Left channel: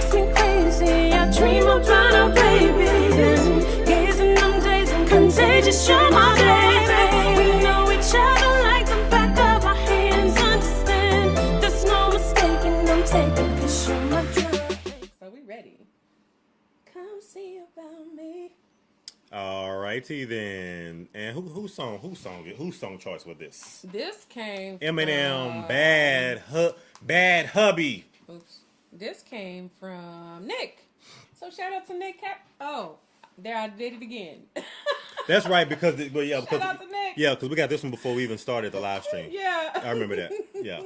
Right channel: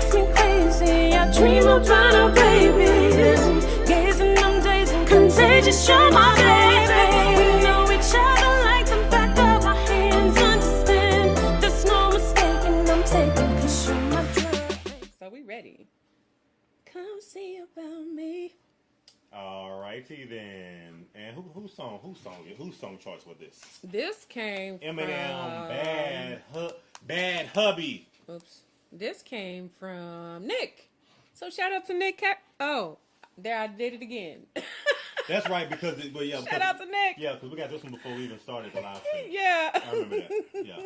makes me crazy. I dream about our babies, gazing them days and contagious. You're my baby. We know each other like the back of our hands. Understand, there's no mistaking. I'm taking 'cause you're my drug. So we ready? Come see about me. All righty then. And whose song choice was this? This came Eminem, from... Bad Hubby. Oops. This came from Nick. So shout out to Nick. Oh, there I did it again. That's right, because Shout out to Nick. Yeah, because we got this one before we even started the live stream. Yeah. I remember that. Yeah.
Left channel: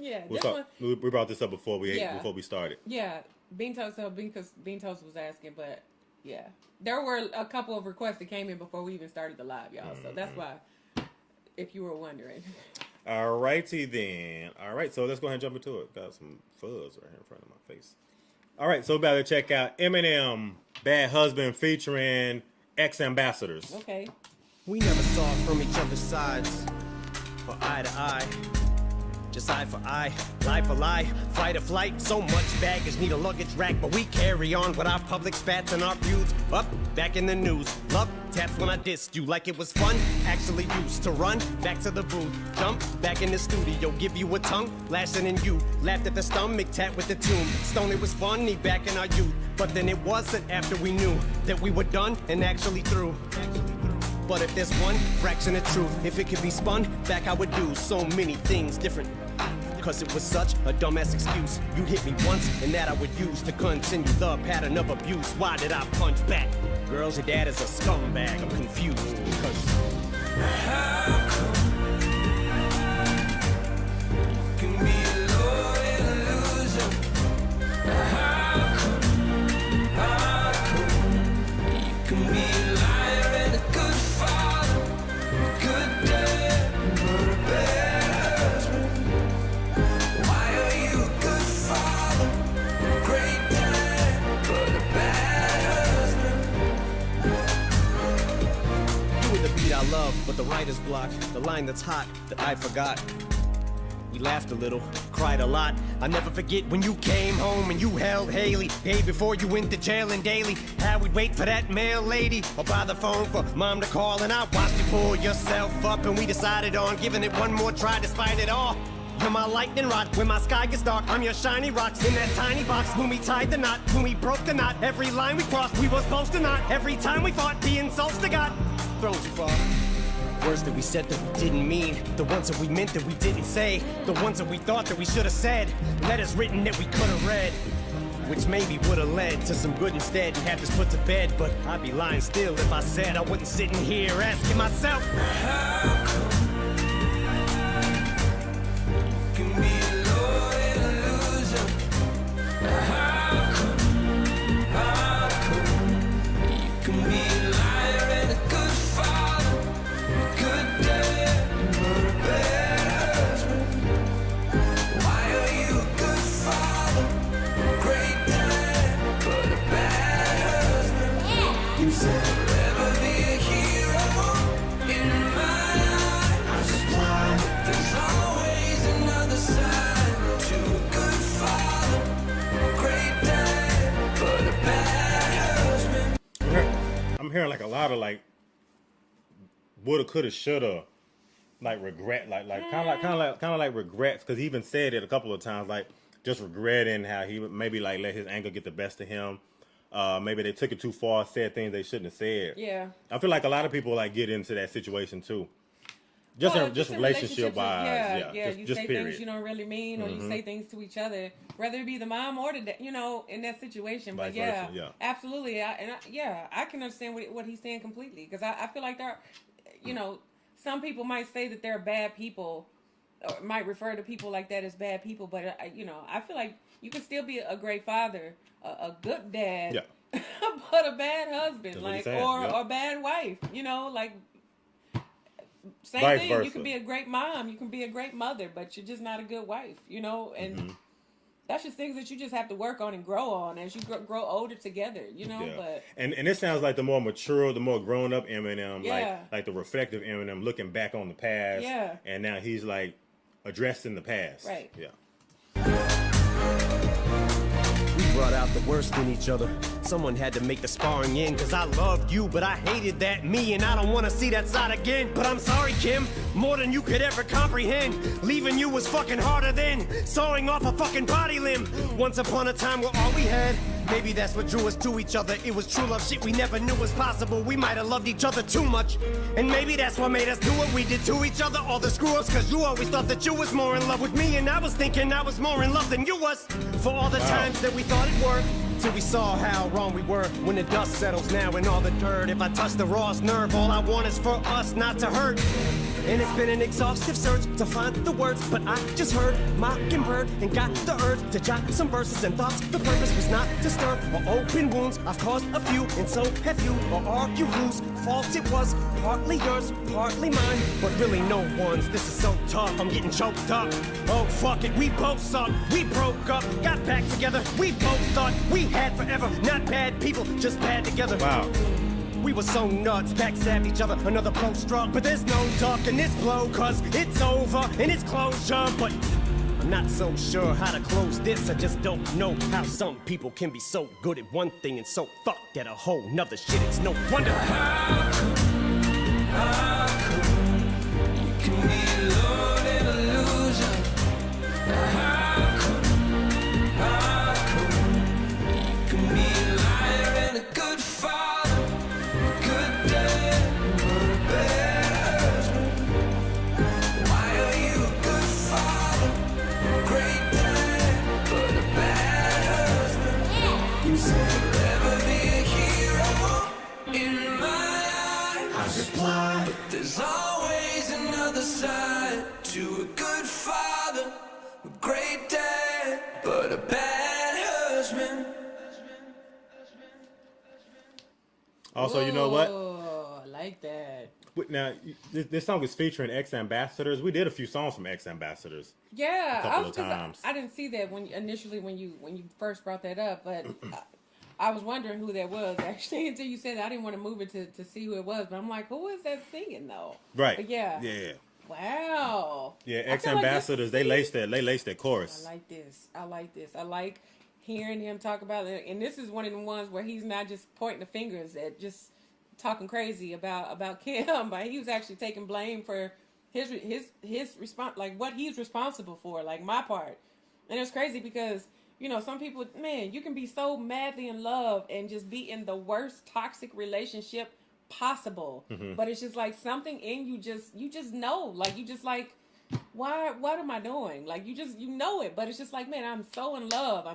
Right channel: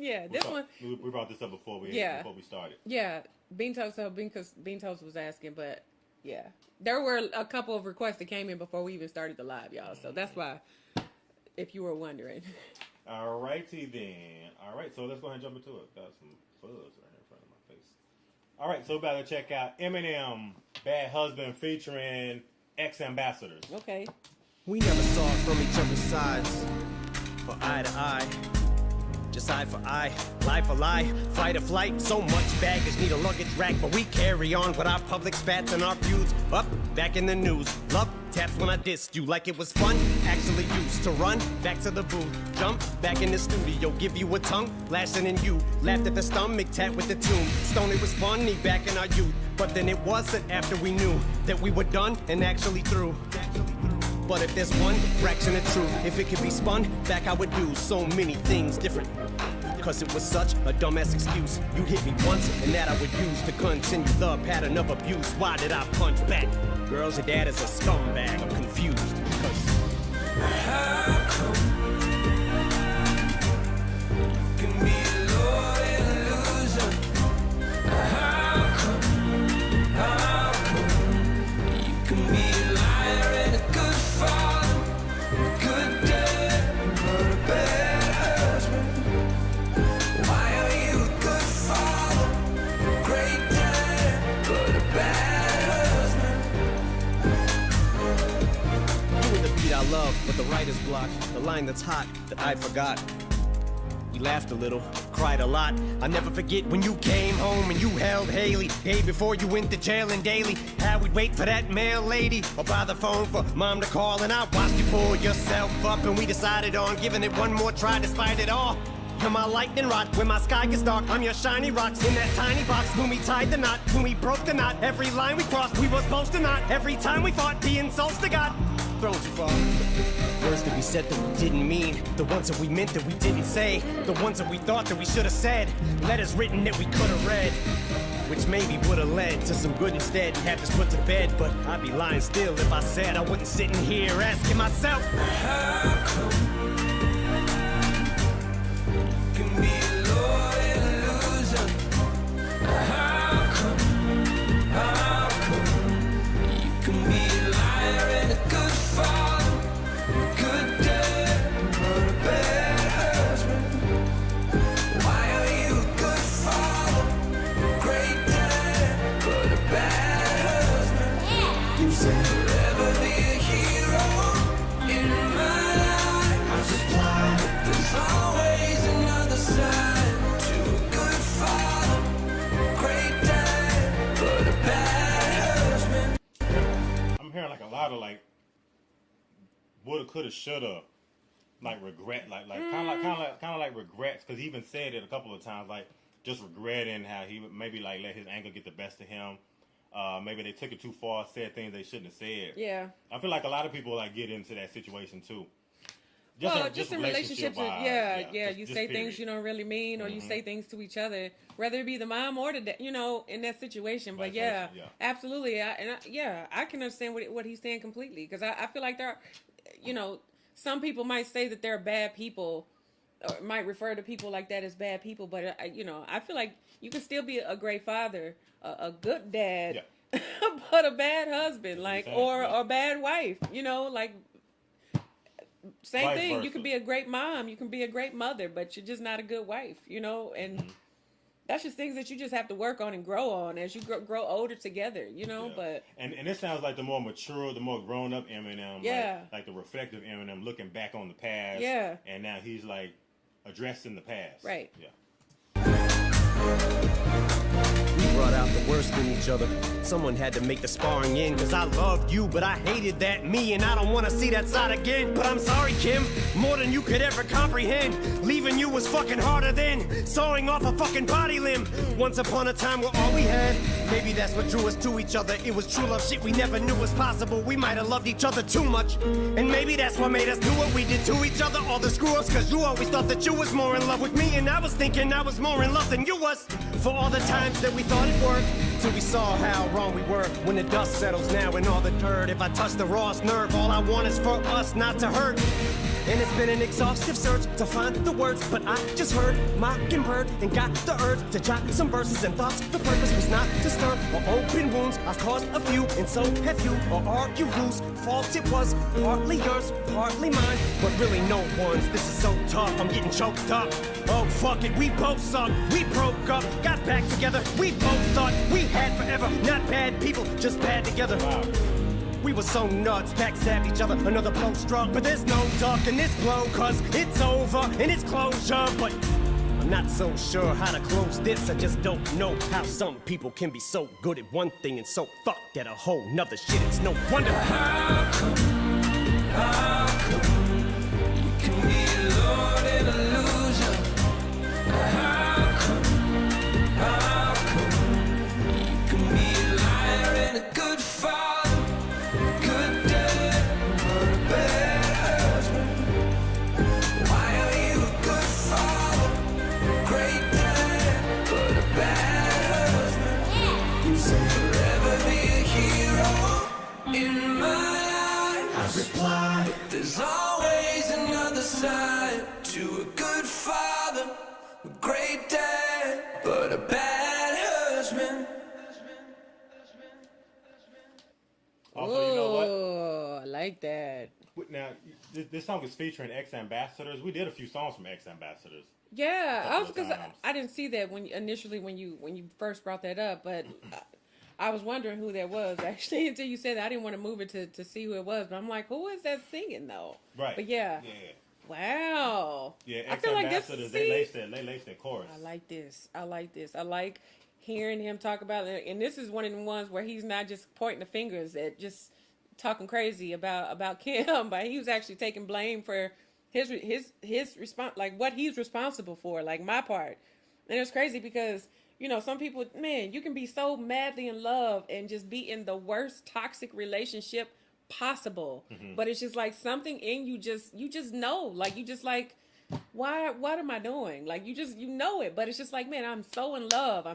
Yeah. What's This up? one. We brought this up before we started. Yeah. Bean Toast was asking, but yeah. There were a couple of requests that came in before we even started the live, y'all. So that's why, if you were wondering. All righty then. All right, so let's go ahead and jump into it. Got some fuzz right here in front of my face. All right, so about to check out Eminem, Bad Husband featuring ex-ambassadors. Okay. We never saw it from each other's sides, or eye to eye. Just eye for eye, lie for lie, fight or flight. So much baggage, need a luggage rack, but we carry on with our public spats and our feuds. Up, back in the news, love taps when I dissed you like it was fun. Actually used to run back to the booth, jump back in the studio, give you a tongue lashing in you. Laughed at the stomach tap with the tune. Stone, it was funny back in our youth, but then it wasn't after we knew that we were done and actually through. But if there's one fraction of truth, if it could be spun back, I would do so many things different. Cause it was such a dumbass excuse. You'd hit me once, and that I would use to continue the pattern of abuse. Why did I punch back? Girls, your dad is a scumbag. I'm confused because how come you can be a loyal loser? How come you can be a liar and a good father, a good dad, but a bad husband? Why are you a good father, a great dad, but a bad husband? you were the beat I love, but the writer's block, the line that's hot that I forgot. We laughed a little, cried a lot. I'll never forget when you came home and you held Haley. Hey, before you went to jail and daily, how we'd wait for that mail lady or by the phone for mom to call. And I watched you pull yourself up and we decided on giving it one more try despite it all. You're my lightning rod, when my sky gets dark, I'm your shiny rocks in that tiny box. When we tied the knot, when we broke the knot, every line we crossed, we were supposed to not. Every time we fought, the insults to God, thrown too far. Words that we said that we didn't mean, the ones that we meant that we didn't say, the ones that we thought that we should have said, letters written that we could have read, which maybe would have led to some good instead and have this put to bed. But I'd be lying still if I said I wasn't sitting here asking myself, how come you can be a loyal loser? How come you can be a liar and a good father, a good dad, but a bad husband? Why are you a good father, a great dad, but a bad husband? You said forever be a hero in my eyes, but there's always another side to a good father, a great dad, but a bad husband. I'm hearing like a lot of like woulda, coulda, shoulda, like regret, like kind of like regrets, because he even said it a couple of times, like just regretting how he would maybe like let his anger get the best of him. Maybe they took it too far, said things they shouldn't have said. Yeah. I feel like a lot of people like get into that situation too. Just in relationship wise, yeah. You say period. things you don't really mean, or you say things to each other, whether it be the mom or the in that situation. Vice But yeah, versa, yeah. absolutely. I can understand what he's saying completely, because I feel like there, some people might say that they're bad people, or might refer to people like that as bad people. But I feel like you can still be a great father, a good dad, but a bad husband, or a bad wife. Like. Same Vice thing. versa. You can be a great mom, you can be a great mother, but you're just not a good wife, and that's just things that you just have to work on and grow on as you grow older together, but and it sounds like the more mature, the more grown up Eminem, like the reflective Eminem looking back on the past, and now he's like addressing the past. Right. Yeah. we brought out the worst in each other. Someone had to make the sparring end, cause I loved you, but I hated that me, and I don't wanna see that side again. But I'm sorry, Kim, more than you could ever comprehend. Leaving you was fucking harder than sawing off a fucking body limb. Once upon a time, we're all we had. Maybe that's what drew us to each other. It was true love shit we never knew was possible. We might have loved each other too much, and maybe that's what made us do what we did to each other. All the screw-ups, cause you always thought that you was more in love with me, and I was thinking I was more in love than you was. For all the times that we thought it worked, till we saw how wrong we were. When the dust settles now in all the dirt, if I touch the rawest nerve, all I want is for us not to hurt. And it's been an exhaustive search to find the words, but I just heard Mockingbird and got the urge to jot some verses and thoughts. The purpose was not to stir or open wounds. I've caused a few, and so have you, or argue whose fault it was. Partly yours, partly mine, but really no one's. This is so tough, I'm getting choked up. Oh fuck it, we both suck. We broke up, got back together. We both thought we had forever. Not bad people, just bad together. Wow. We were so nuts, backstabbed each other, another blow struck. But there's no ducking this blow, cause it's over and it's closure. But I'm not so sure how to close this. I just don't know how some people can be so good at one thing and so fucked at a whole nother shit. It's no wonder. How come you can be a lord and a loser? How come you can be a liar and a good father, good dad, but a bad husband? Why are you a good father, great dad, but a bad husband? You said forever be a hero in my eyes. I reply, but there's always another side to a good father, a great dad, but a bad husband. Also, you know what? Oh, I like that. Now, this song is featuring ex-ambassadors. We did a few songs from ex-ambassadors. Yeah, couple of times. I didn't see that when you first brought that up, but I was wondering who that was actually until you said that. I didn't want to move it to see who it was, but I'm like, who is that singing though? Right. But yeah. Yeah. Wow. Yeah, I feel like ex-ambassadors, they laced that chorus. I like this. I like hearing him talk about it. And this is one of the ones where he's not just pointing the fingers at just talking crazy about Kim, but he was actually taking blame for his response, like what he's responsible for, like my part. And it's crazy because, you know, some people, man, you can be so madly in love and just be in the worst toxic relationship possible. Mm-hmm. But it's just like something in you just know, like you just like, what am I doing? Like you know it, but it's just like, man, I'm so in love.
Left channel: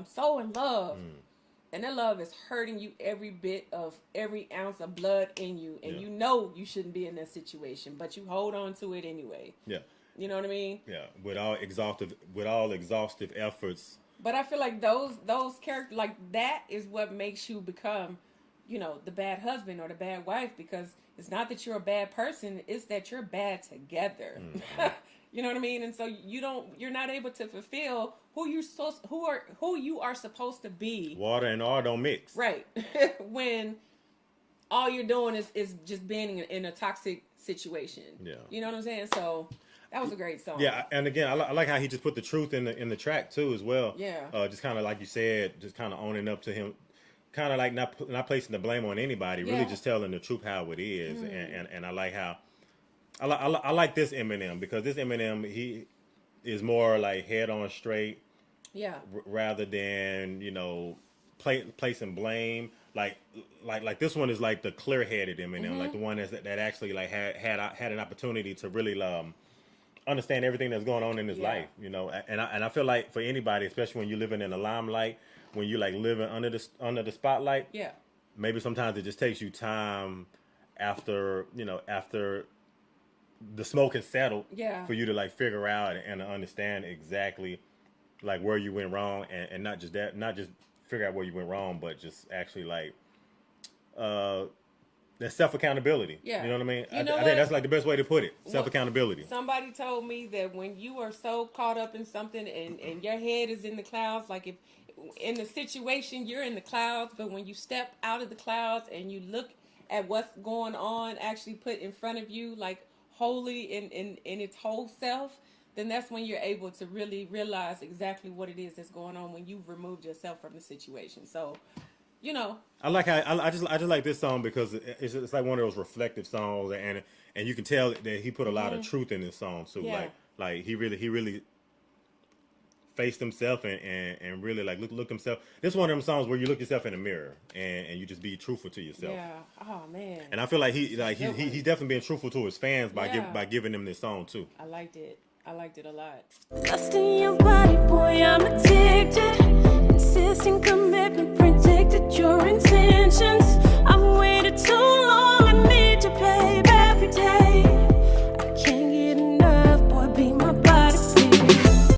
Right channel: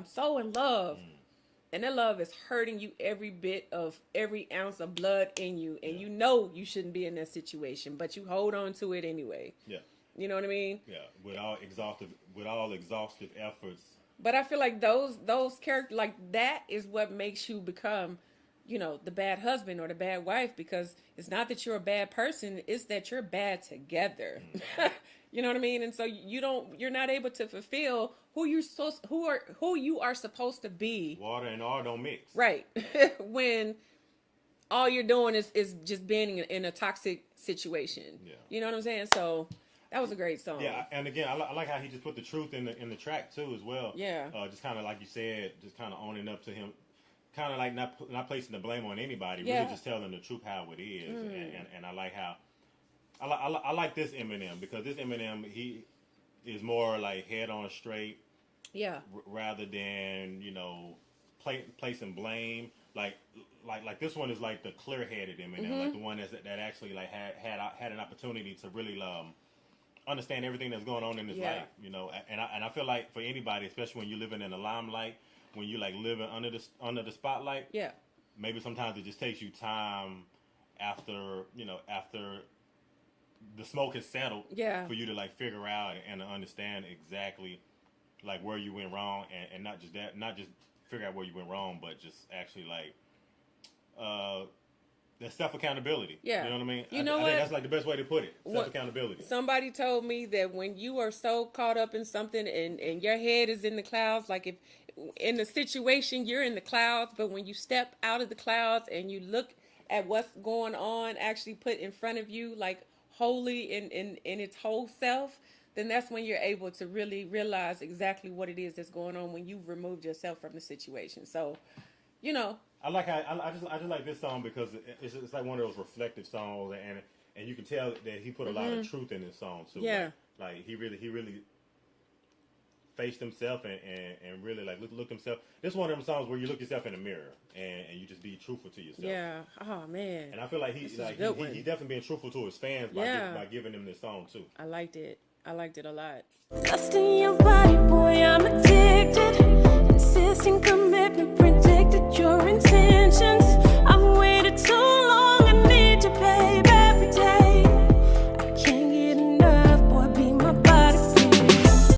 And that love is hurting you every ounce of blood in you. And you know you shouldn't be in that situation, but you hold on to it anyway. Yeah. You know what I mean? Yeah. With all exhaustive efforts. But I feel like those characters, like that is what makes you become, you know, the bad husband or the bad wife, because it's not that you're a bad person, it's that you're bad together. Mm-hmm. You know what I mean? And so you're not able to fulfill who you are supposed to be. Water and oil don't mix. Right. When all you're doing is just being in a toxic situation. Yeah. You know what I'm saying? So that was a great song. Yeah, and again, I like how he just put the truth in the track too as well. Yeah. Just kind of like you said, just kind of owning up to him, kind of like not placing the blame on anybody, really just telling the truth how it is. Mm-hmm. And I like how I like this Eminem, because this Eminem, he is more like head on straight. Yeah. Rather than, you know, placing blame. Like this one is like the clear-headed Eminem, mm-hmm. like the one that actually like had an opportunity to really understand everything that's going on in his life, you know. And I feel like for anybody, especially when you're living in the limelight, when you like living under the spotlight, maybe sometimes it just takes you time after the smoke has settled for you to like figure out and to understand exactly like where you went wrong, and not just figure out where you went wrong, but just actually like that self-accountability. Yeah. You know what I mean? I think that's like the best way to put it. Self-accountability. Somebody told me that when you are so caught up in something and your head is in the clouds, like if in the situation you're in the clouds, but when you step out of the clouds and you look at what's going on actually put in front of you, like wholly in its whole self, then that's when you're able to really realize exactly what it is that's going on when you've removed yourself from the situation. So, you know, I like how I just like this song because it's like one of those reflective songs, and you can tell that he put a lot of truth in this song too. Yeah. Like he really faced himself and really like look himself. This is one of them songs where you look yourself in the mirror and you just be truthful to yourself. yeah. Oh man. And I feel like he's definitely being truthful to his fans by giving them this song too. I liked it a lot. Lust in your body, boy, I'm addicted. Insisting commitment.